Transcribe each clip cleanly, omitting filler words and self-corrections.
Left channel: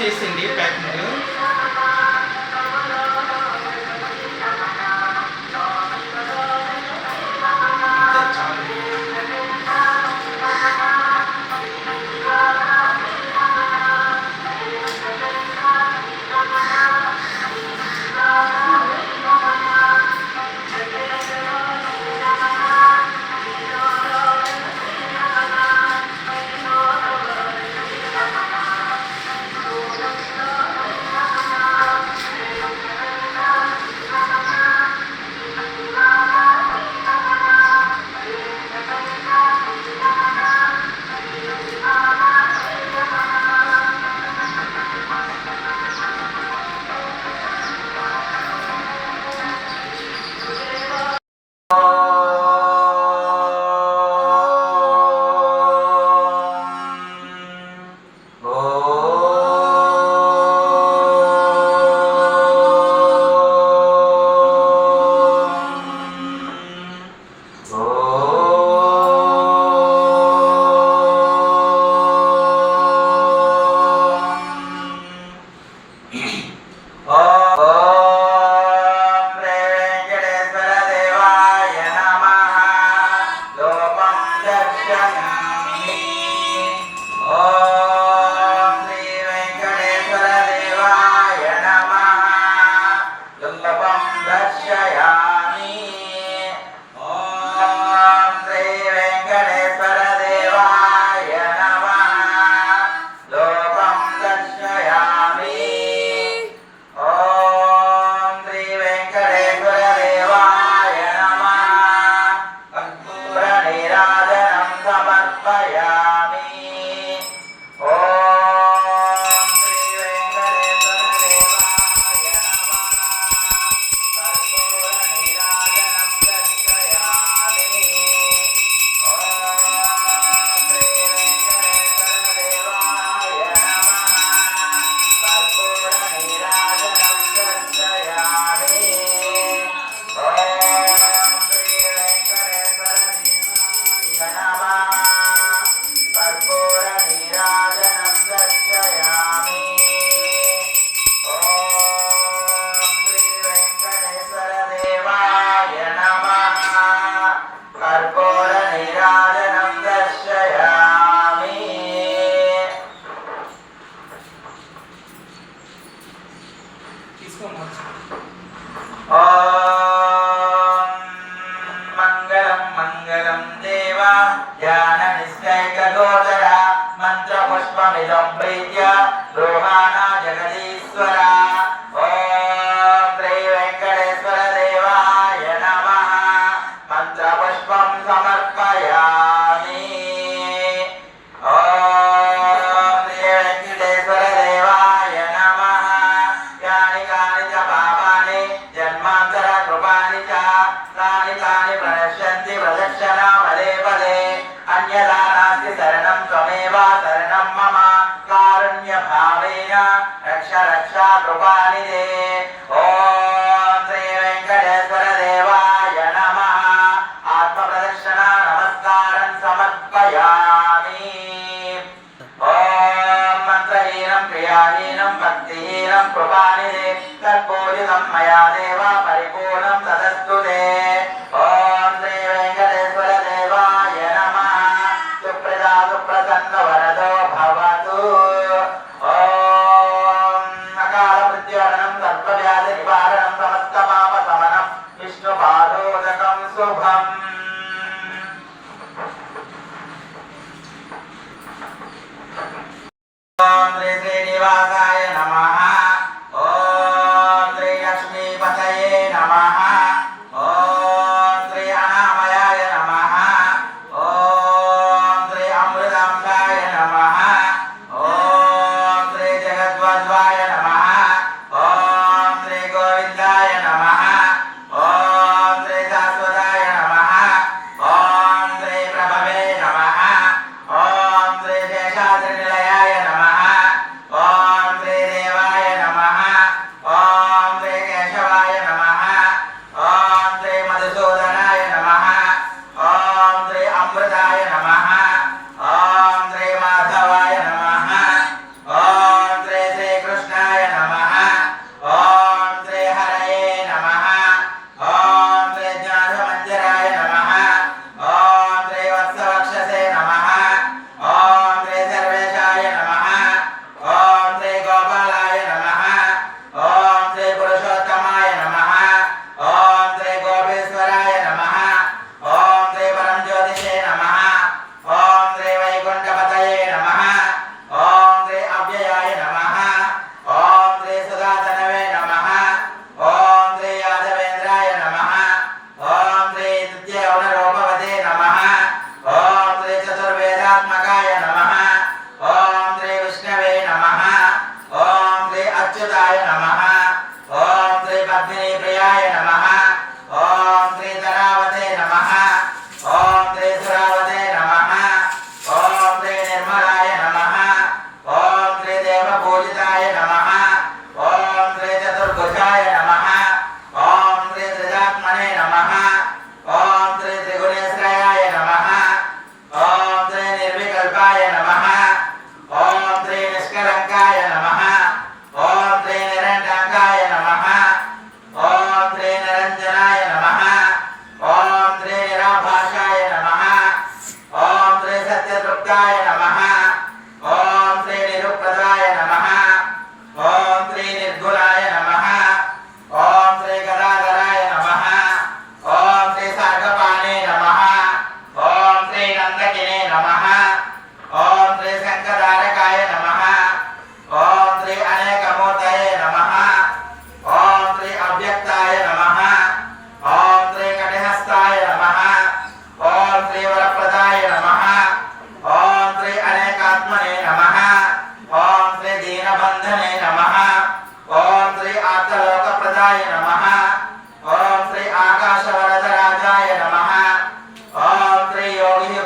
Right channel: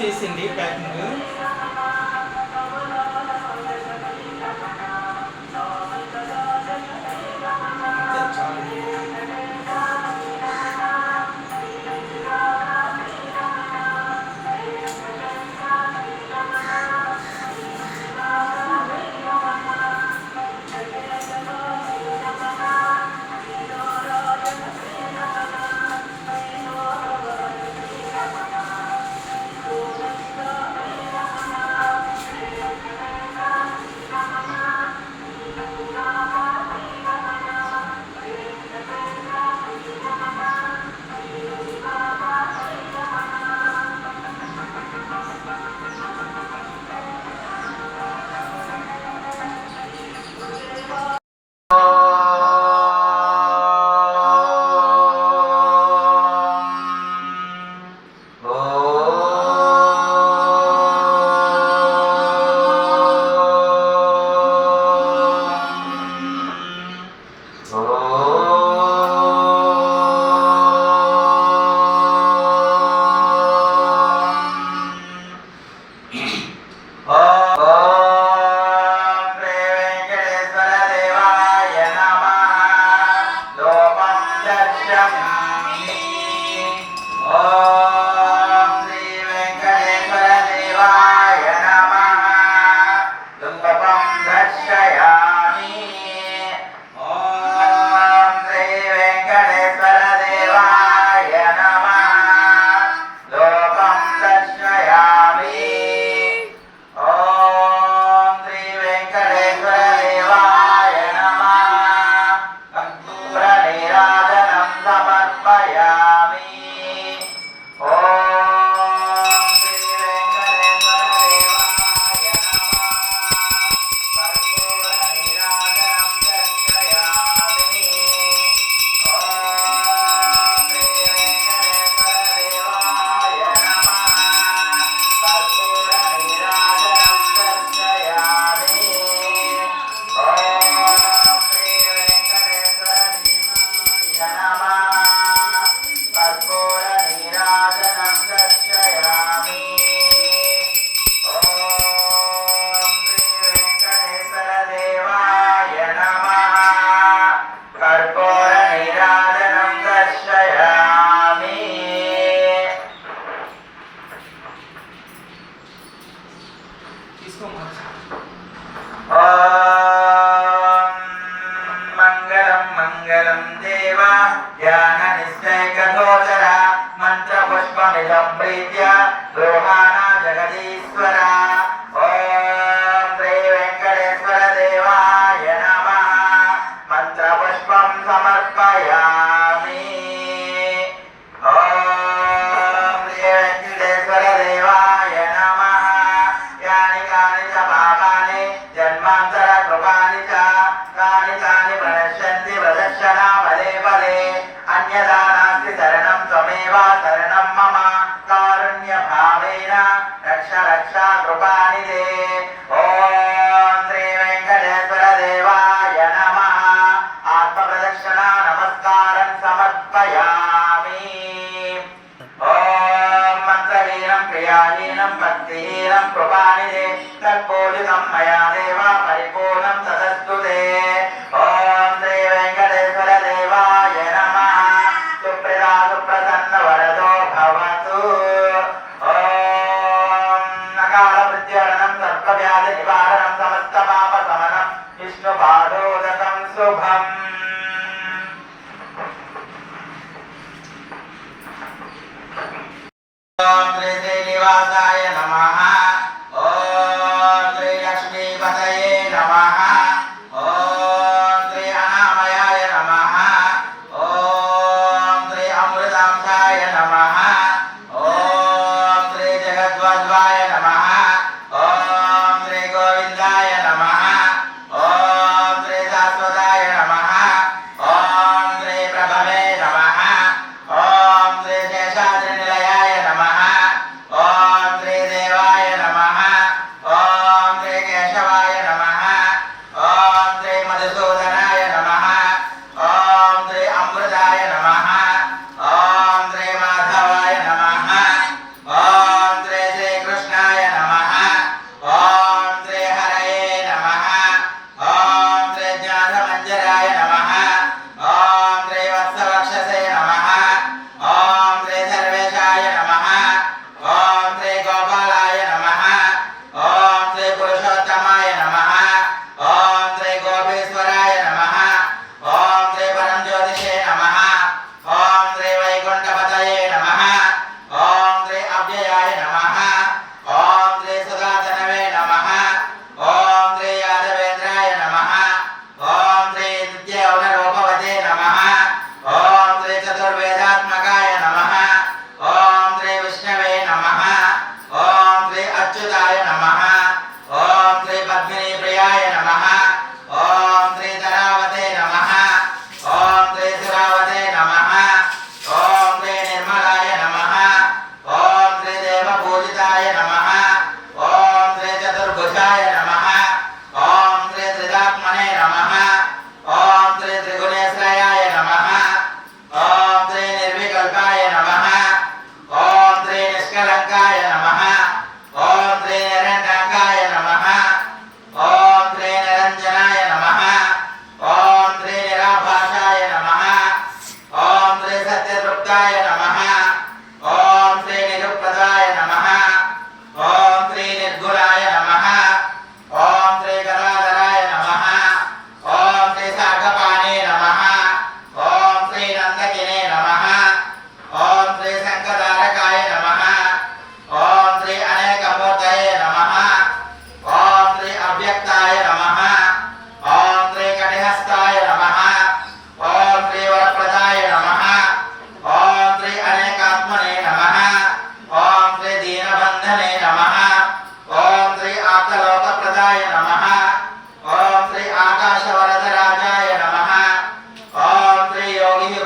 చేసింది ప్యాకింగ్.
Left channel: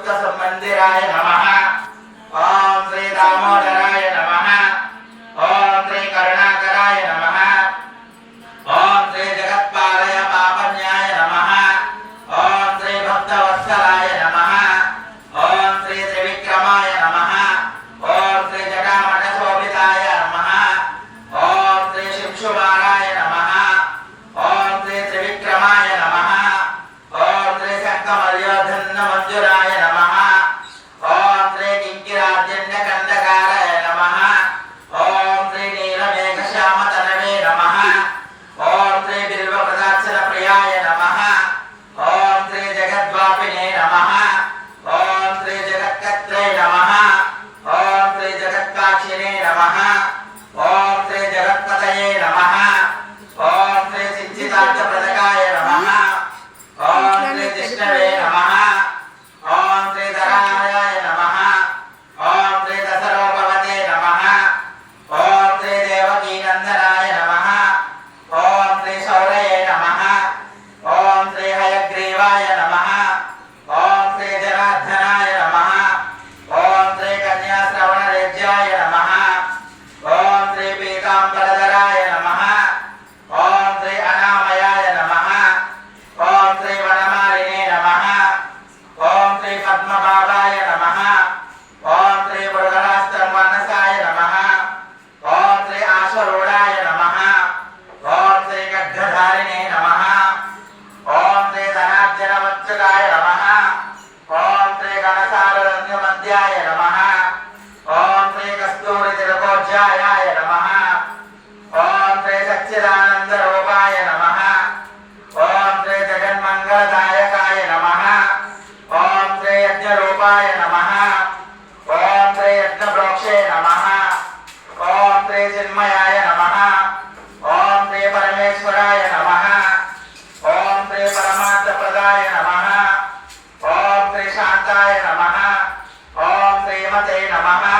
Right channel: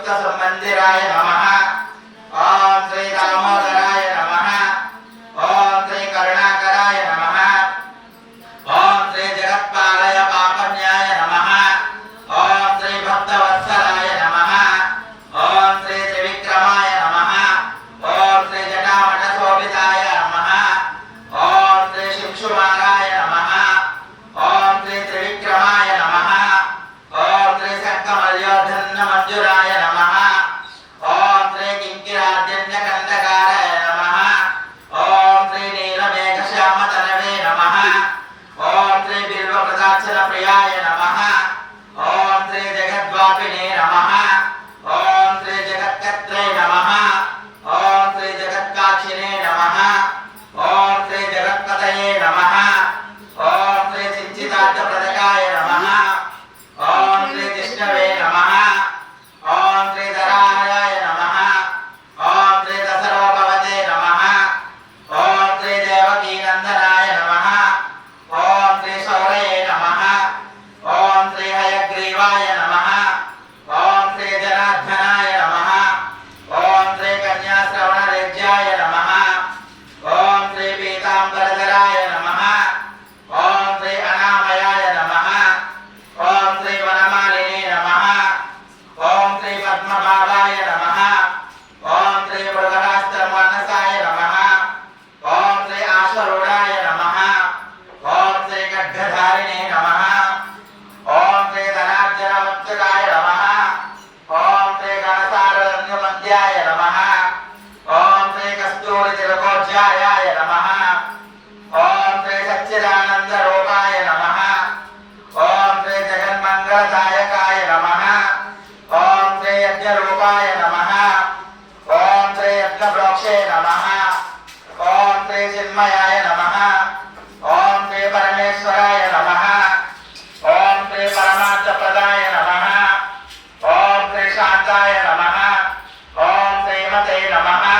युक्त संबंधिराय नमः। ओम श्री दामोदराय नमः। ओम श्री करुणाकराय नमः। ओम श्री जगत्पालय पापन्याय नमः। ओम श्री भक्तवत्सलाय नमः। ओम श्री त्रिविक्रमाय नमः। ओम श्री जटामठशोभिताय नमः। ओम श्री शिवकुमाराय नमः। ओम श्री त्रिविक्रमाय नमः। ओम श्री शंखमल्योधन्न मंजुराय नमः। ओम श्री किंकिराद्यन्यकंदकाराय नमः। ओम श्री नीलमेघश्यामतनवे नमः। ओम श्री बिल्वप्रदाक्षिण प्रियाय नमः। ओम श्री जगद्वापिने नमः। ओम श्री जगत्कर्त्रे नमः। ओम श्री जगत्काक्षिणे नमः। ओम श्री जगत्पतये नमः। ओम श्री सिंचितार्थप्रदकाय नमः। ओम श्री जिष्णवे नमः। ओम श्री धराय नमः। ओम श्री दशरोपवते नमः। ओम श्री देवकीनंदनाय नमः। ओम श्री शौरये नमः। ओम श्री हयग्रीवाय नमः। ओम श्री जनार्दनाय नमः। ओम श्री कन्याश्रवणरेज्याय नमः। ओम श्री पीताम्बरधराय नमः। ओम श्री अनामयाय नमः। ओम श्री वनमालिने नमः। ओम श्री पद्मभावाय नमः। ओम श्री मृगहस्तमानसाय नमः। ओम श्री आशरूढाय नमः। ओम श्री खड्गधारिणे नमः। ओम श्री धनार्जनवत्सलाय नमः। ओम श्री गणसारण्यमध्याय नमः। ओम श्री कस्तूरितिलकोज्जायाय नमः। ओम श्री सच्चिदानन्दरूपाय नमः। ओम श्री जगन्मङ्गलदायकाय नमः। ओम श्री यज्ञरूपाय नमः। ओम श्री यज्ञप्रोक्षे नमः। ओम श्री चिन्मयाय नमः। ओम श्री परमेश्वराय नमः। ओम श्री परमार्थप्रदाय नमः। ओम श्री शान्ताय नमः। ओम श्रीमते नमः।